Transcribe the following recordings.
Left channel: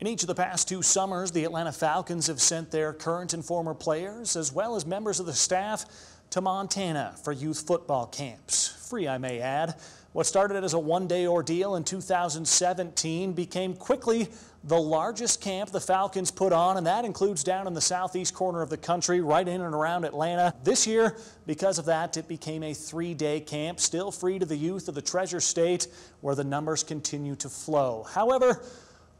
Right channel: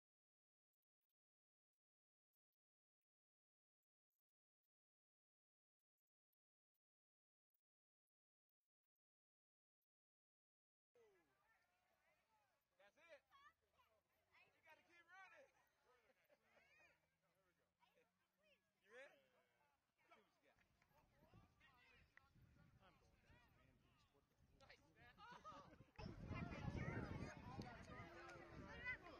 In each of the past 2 summers, the Atlanta Falcons have sent their current and former players, as well as members of the staff, to Montana for youth football camps. Free, I may add. What started as a one-day ordeal in 2017 became quickly the largest camp the Falcons put on, and that includes down in the southeast corner of the country, right in and around Atlanta. This year, because of that, it became a 3-day camp, still free to the youth of the Treasure State, where the numbers continue to flow. However,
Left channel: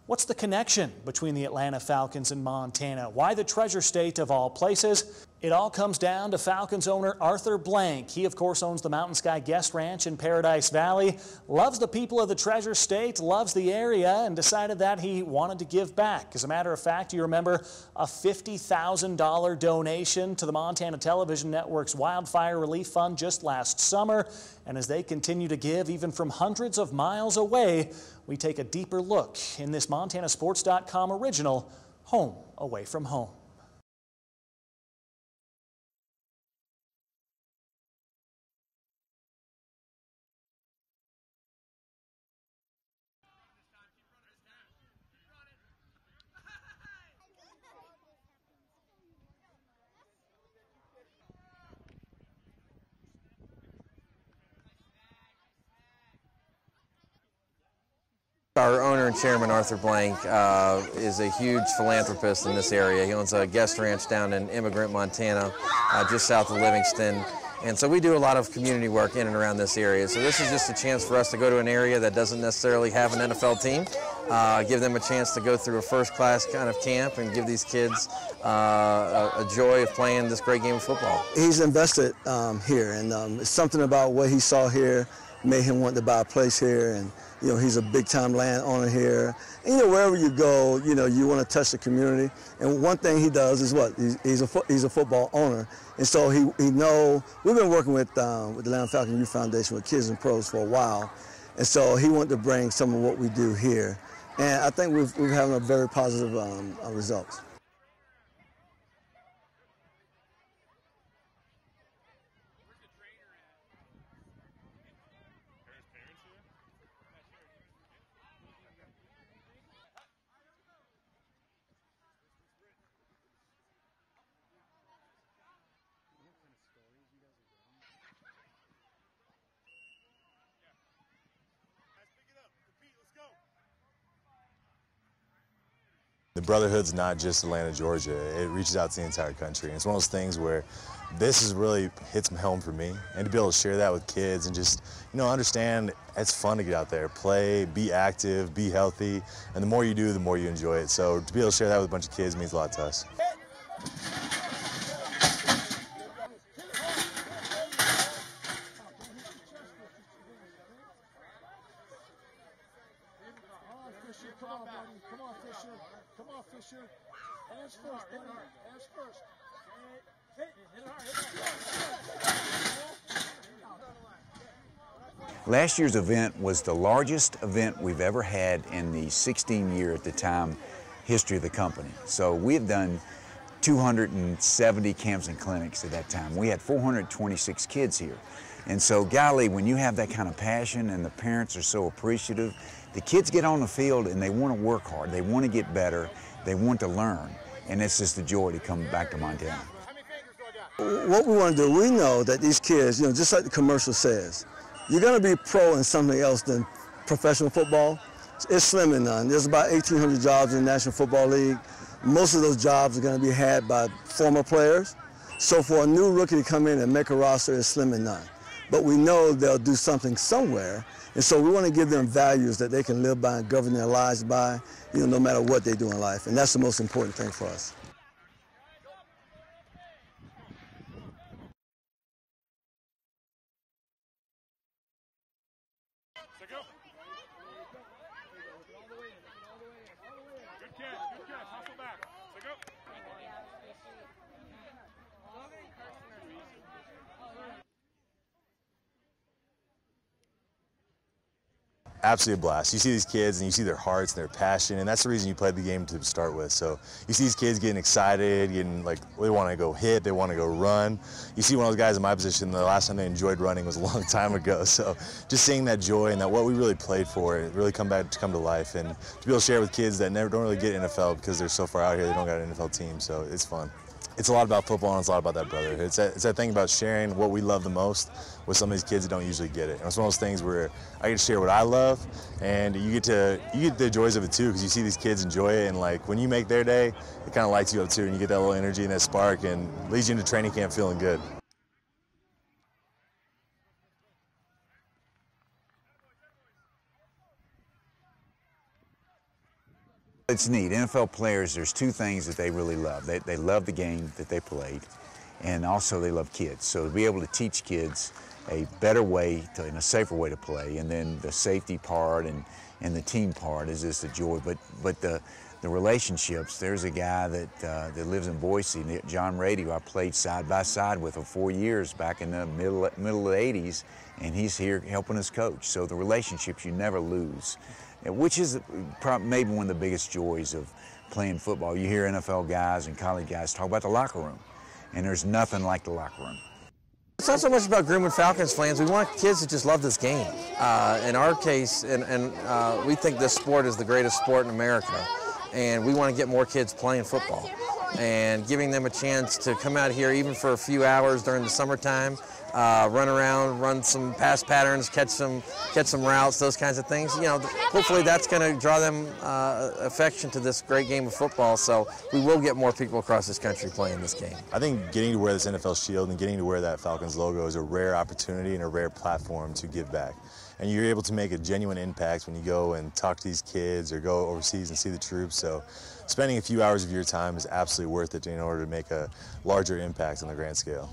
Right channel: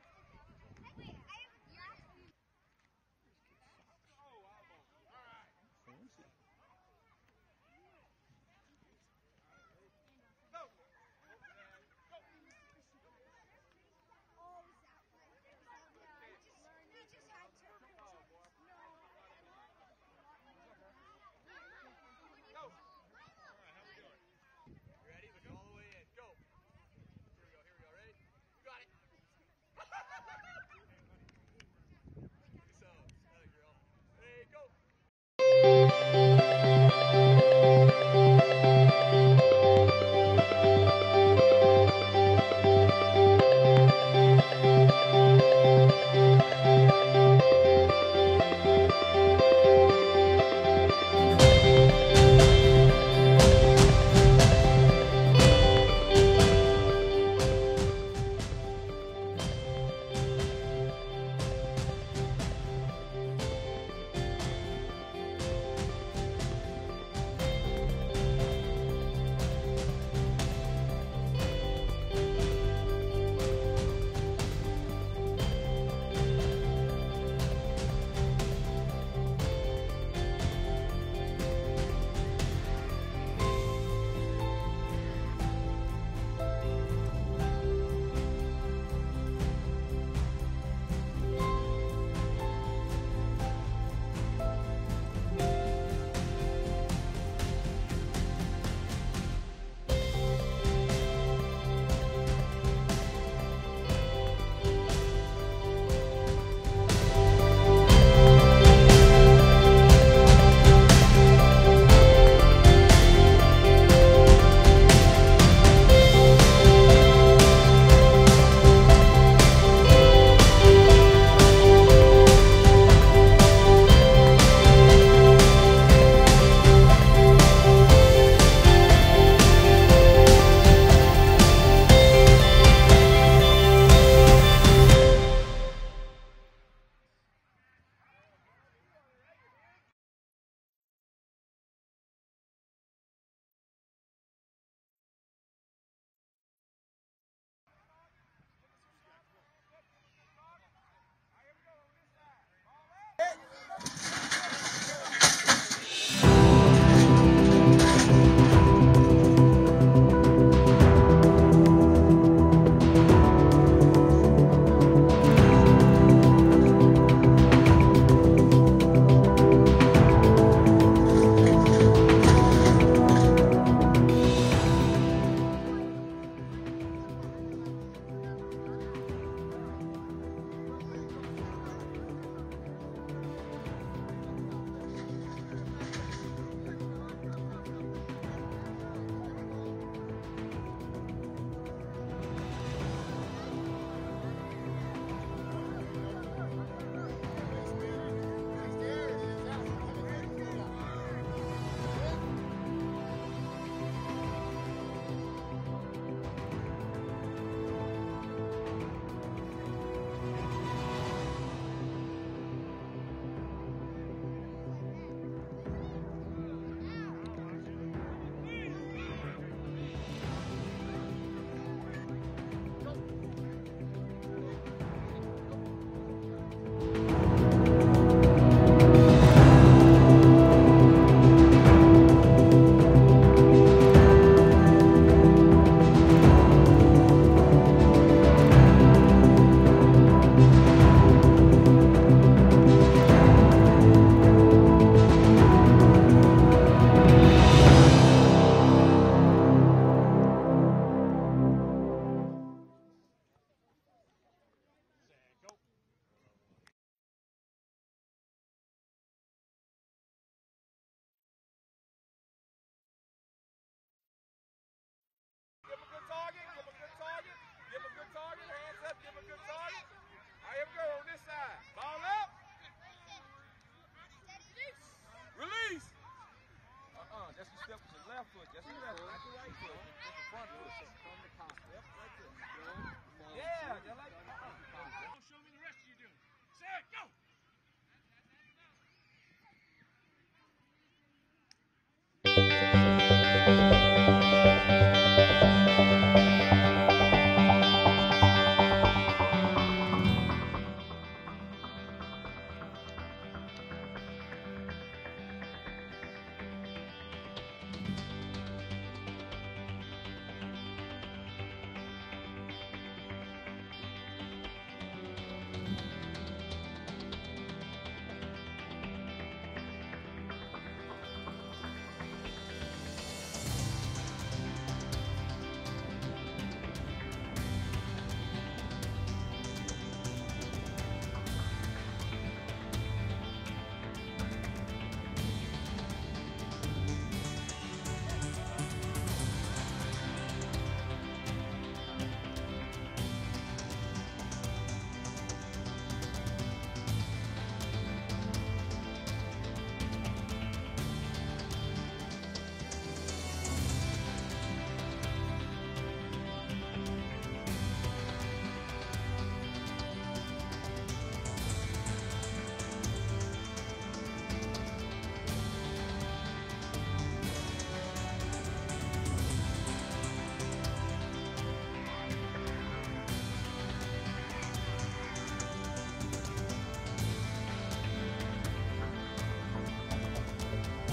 what's the connection between the Atlanta Falcons and Montana? Why the Treasure State of all places? It all comes down to Falcons owner Arthur Blank. He, of course, owns the Mountain Sky Guest Ranch in Paradise Valley, loves the people of the Treasure State, loves the area, and decided that he wanted to give back. As a matter of fact, you remember a $50,000 donation to the Montana Television Network's Wildfire Relief Fund just last summer. And as they continue to give, even from hundreds of miles away, we take a deeper look in this MontanaSports.com original, Home Away from Home. Our owner and chairman, Arthur Blank, is a huge philanthropist in this area. He owns a guest ranch down in Immigrant, Montana, just south of Livingston. And so we do a lot of community work in and around this area. So this is just a chance for us to go to an area that doesn't necessarily have an NFL team, give them a chance to go through a first-class kind of camp and give these kids a joy of playing this great game of football. He's invested here, and something about what he saw here made him want to buy a place here. And you know, he's a big-time landowner here. And, you know, wherever you go, you know, you want to touch the community. And one thing he does is what? He's a football owner. And so he know, we've been working with the Atlanta Falcons Youth Foundation with kids and pros for a while. And so he wanted to bring some of what we do here. And I think we're having a very positive result. Brotherhood's not just Atlanta, Georgia. It reaches out to the entire country. And it's one of those things where this is really hits home for me. And to be able to share that with kids and just, you know, understand it's fun to get out there, play, be active, be healthy. And the more you do, the more you enjoy it. So to be able to share that with a bunch of kids means a lot to us. Last year's event was the largest event we've ever had in the 16-year at the time history of the company. So we had done 270 camps and clinics at that time. We had 426 kids here. And so, golly, when you have that kind of passion and the parents are so appreciative, the kids get on the field and they want to work hard, they want to get better, they want to learn. And it's just a joy to come back to Montana. What we want to do, we know that these kids, you know, just like the commercial says, you're going to be pro in something else than professional football. It's slim and none. There's about 1,800 jobs in the National Football League. Most of those jobs are going to be had by former players. So for a new rookie to come in and make a roster is slim and none. But we know they'll do something somewhere. And so we want to give them values that they can live by and govern their lives by, you know, no matter what they do in life. And that's the most important thing for us. absolutely a blast. You see these kids and you see their hearts and their passion, and that's the reason you played the game to start with. So you see these kids getting excited, getting like, they want to go hit, they want to go run. You see one of those guys in my position, the last time they enjoyed running was a long time ago. So just seeing that joy and that what we really played for, it really come to life, and to be able to share with kids that don't really get NFL because they're so far out here, they don't got an NFL team, so it's fun. It's a lot about football, and it's a lot about that brotherhood. It's that thing about sharing what we love the most with some of these kids that don't usually get it. And it's one of those things where I get to share what I love, and you get the joys of it too, because you see these kids enjoy it, and like when you make their day, it kind of lights you up too, and you get that little energy and that spark, and leads you into training camp feeling good. It's neat. NFL players, there's two things that they really love. They love the game that they played, and also they love kids. So to be able to teach kids a better way, and a safer way to play, and then the safety part and the team part is just a joy. But the relationships, there's a guy that lives in Boise, John Rady, who I played side by side with for 4 years back in the middle of the 80s, and he's here helping us coach. So the relationships you never lose. Which is maybe one of the biggest joys of playing football. You hear NFL guys and college guys talk about the locker room, and there's nothing like the locker room. It's not so much about grooming Falcons fans. We want kids to just love this game. In our case, we think this sport is the greatest sport in America, and we want to get more kids playing football and giving them a chance to come out here even for a few hours during the summertime, run around, run some pass patterns, catch some routes, those kinds of things. You know, hopefully that's going to draw them affection to this great game of football. So we will get more people across this country playing this game. I think getting to wear this NFL shield and getting to wear that Falcons logo is a rare opportunity and a rare platform to give back. And you're able to make a genuine impact when you go and talk to these kids or go overseas and see the troops. So spending a few hours of your time is absolutely worth it in order to make a larger impact on the grand scale.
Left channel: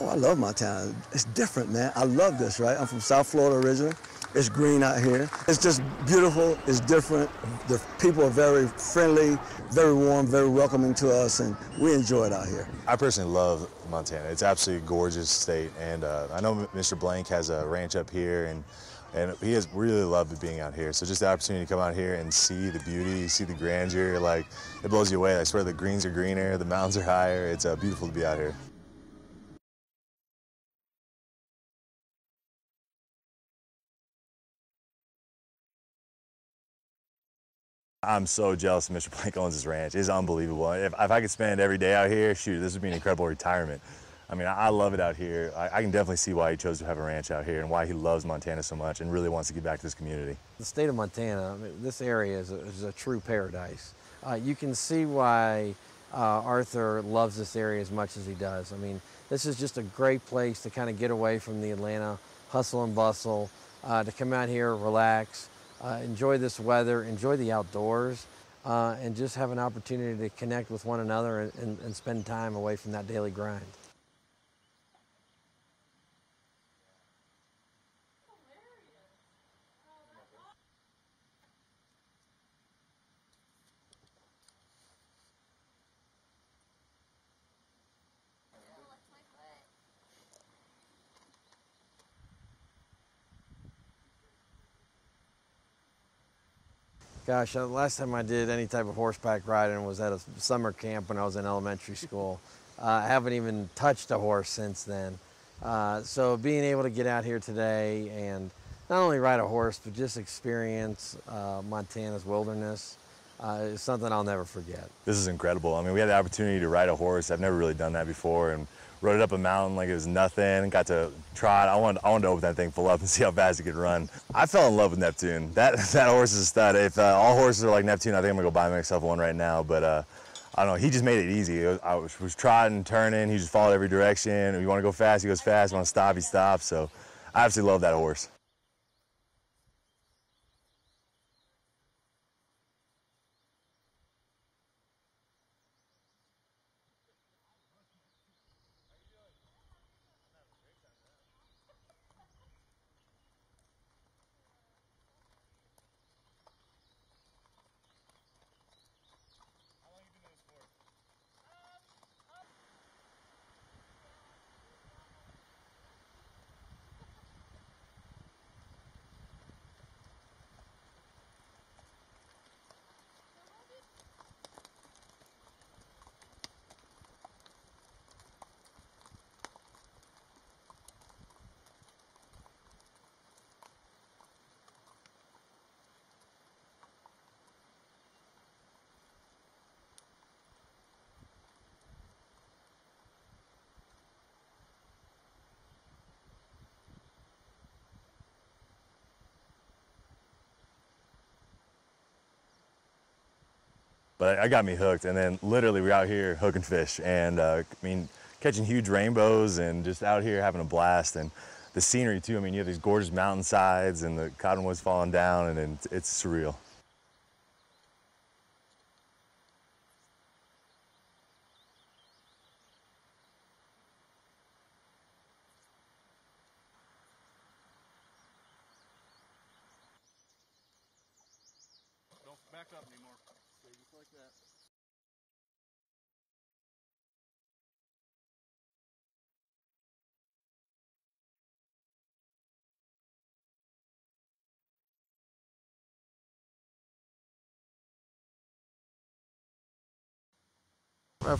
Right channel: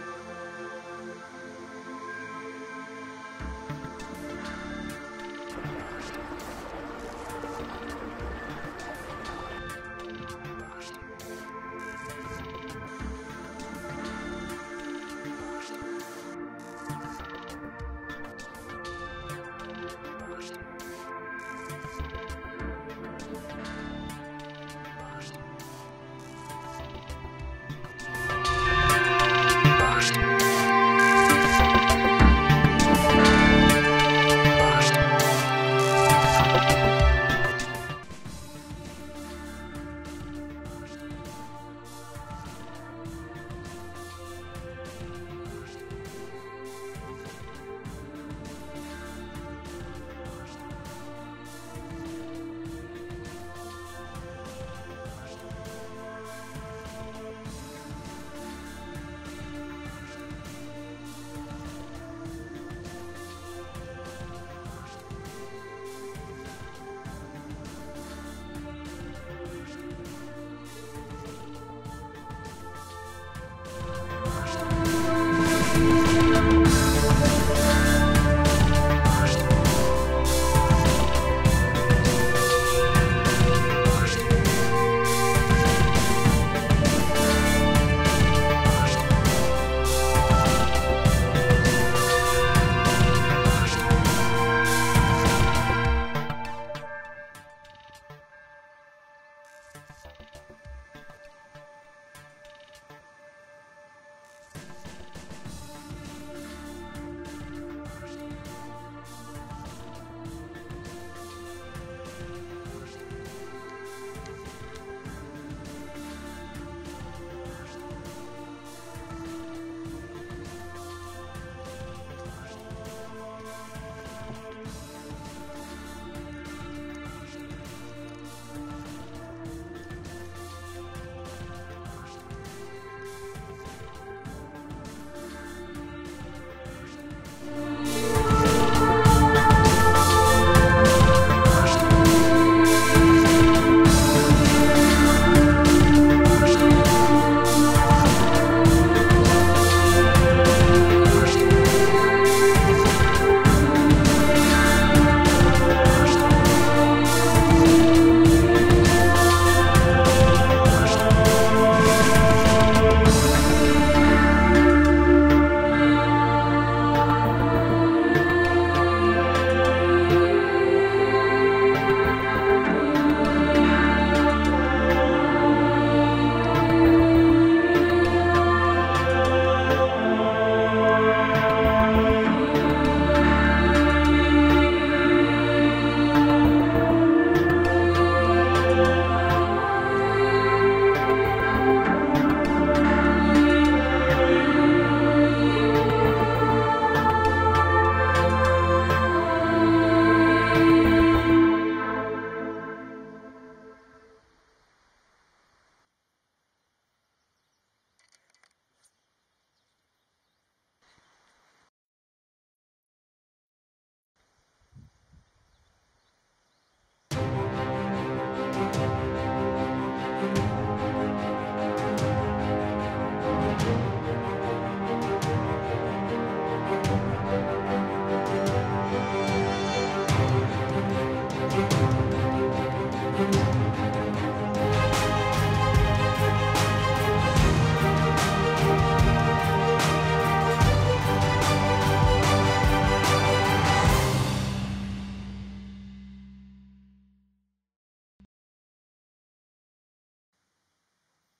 I love Montana. It's different, man. I love this, right? I'm from South Florida originally. It's green out here. It's just beautiful. It's different. The people are very friendly, very warm, very welcoming to us, and we enjoy it out here. I personally love Montana. It's absolutely a gorgeous state, and I know Mr. Blank has a ranch up here, and he has really loved being out here. So just the opportunity to come out here and see the beauty, see the grandeur, like, it blows you away. I swear the greens are greener, the mountains are higher. It's beautiful to be out here. I'm so jealous of Mr. Blank owns this ranch. It's unbelievable. If I could spend every day out here, shoot, this would be an incredible retirement. I mean, I love it out here. I can definitely see why he chose to have a ranch out here and why he loves Montana so much and really wants to give back to his community. The state of Montana, this area is a true paradise. You can see why Arthur loves this area as much as he does. I mean, this is just a great place to kind of get away from the Atlanta hustle and bustle, to come out here, relax, enjoy this weather, enjoy the outdoors, and just have an opportunity to connect with one another and spend time away from that daily grind. Gosh, the last time I did any type of horseback riding was at a summer camp when I was in elementary school. I haven't even touched a horse since then. So being able to get out here today and not only ride a horse, but just experience Montana's wilderness is something I'll never forget. This is incredible. I mean, we had the opportunity to ride a horse. I've never really done that before, and rode it up a mountain like it was nothing. Got to try it. I wanted to open that thing full up and see how fast it could run. I fell in love with Neptune. That horse is a stud. If all horses are like Neptune, I think I'm gonna go buy myself one right now. But I don't know. He just made it easy. I was trotting, turning. He just followed every direction. If you want to go fast, he goes fast. If you want to stop, he stops. So I absolutely love that horse. I got me hooked. And then literally we're out here hooking fish and I mean, catching huge rainbows and just out here having a blast. And the scenery too. I mean, you have these gorgeous mountainsides and the cottonwoods falling down, and it's surreal.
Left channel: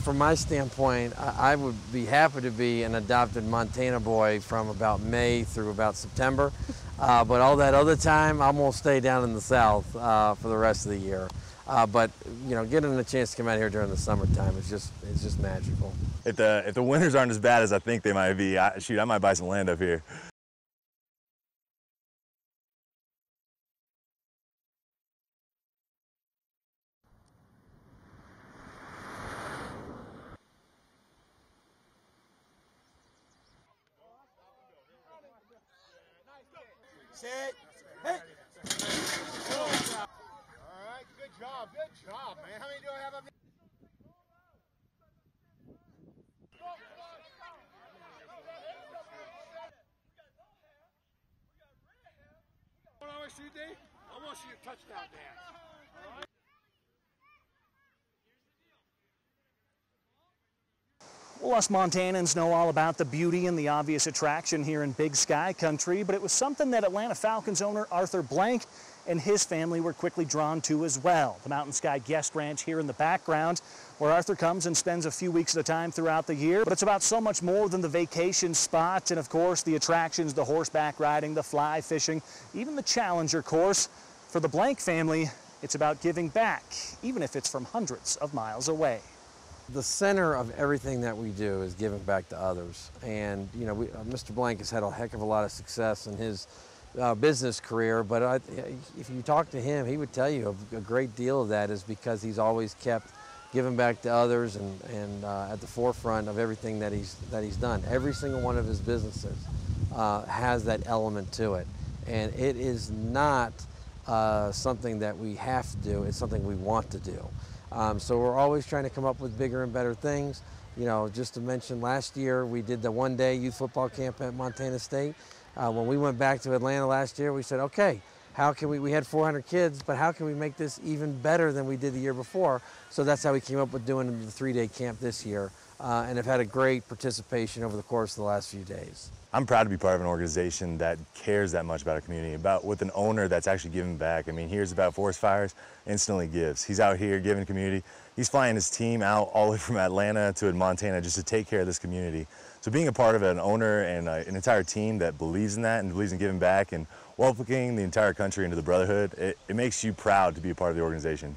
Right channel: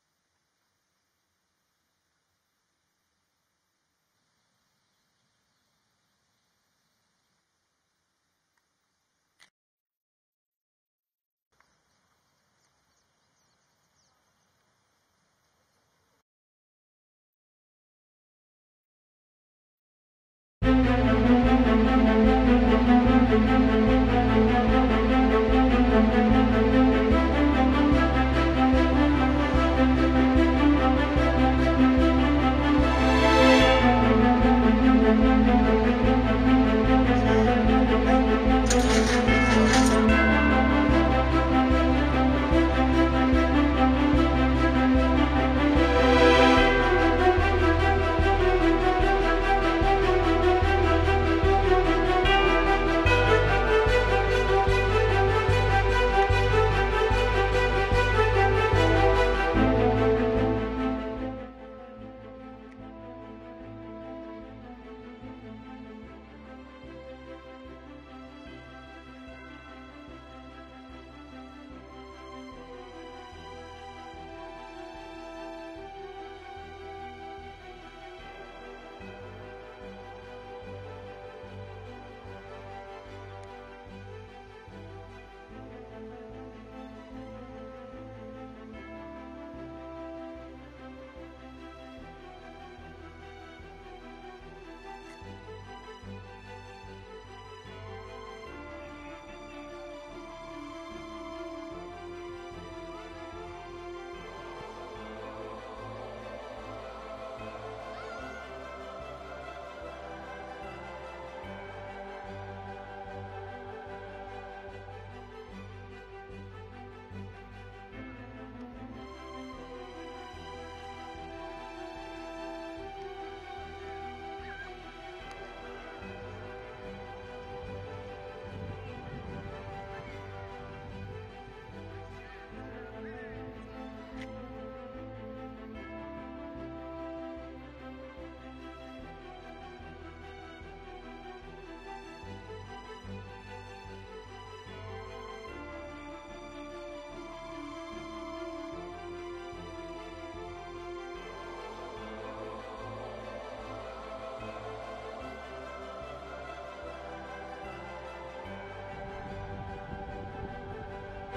From my standpoint, I would be happy to be an adopted Montana boy from about May through about September. But all that other time, I'm going to stay down in the South for the rest of the year. But you know, getting a chance to come out here during the summertime is just magical. If the winters aren't as bad as I think they might be, shoot, I might buy some land up here. Us Montanans know all about the beauty and the obvious attraction here in Big Sky Country, but it was something that Atlanta Falcons owner Arthur Blank and his family were quickly drawn to as well. The Mountain Sky Guest Ranch here in the background, where Arthur comes and spends a few weeks at a time throughout the year. But it's about so much more than the vacation spot and, of course, the attractions, the horseback riding, the fly fishing, even the Challenger course. For the Blank family, it's about giving back, even if it's from hundreds of miles away. The center of everything that we do is giving back to others. And you know, Mr. Blank has had a heck of a lot of success in his business career, but if you talk to him, he would tell you a great deal of that is because he's always kept giving back to others and at the forefront of everything that he's done. Every single one of his businesses has that element to it. And it is not something that we have to do, it's something we want to do. So we're always trying to come up with bigger and better things. You know, just to mention, last year we did the one-day youth football camp at Montana State. When we went back to Atlanta last year, we said, okay, how can we had 400 kids, but how can we make this even better than we did the year before? So that's how we came up with doing the 3-day camp this year, and have had a great participation over the course of the last few days. I'm proud to be part of an organization that cares that much about our community, with an owner that's actually giving back. I mean, hears about forest fires, instantly gives. He's out here giving community. He's flying his team out all the way from Atlanta to Montana just to take care of this community. So being a part of an owner and an entire team that believes in that and believes in giving back and welcoming the entire country into the brotherhood, it makes you proud to be a part of the organization.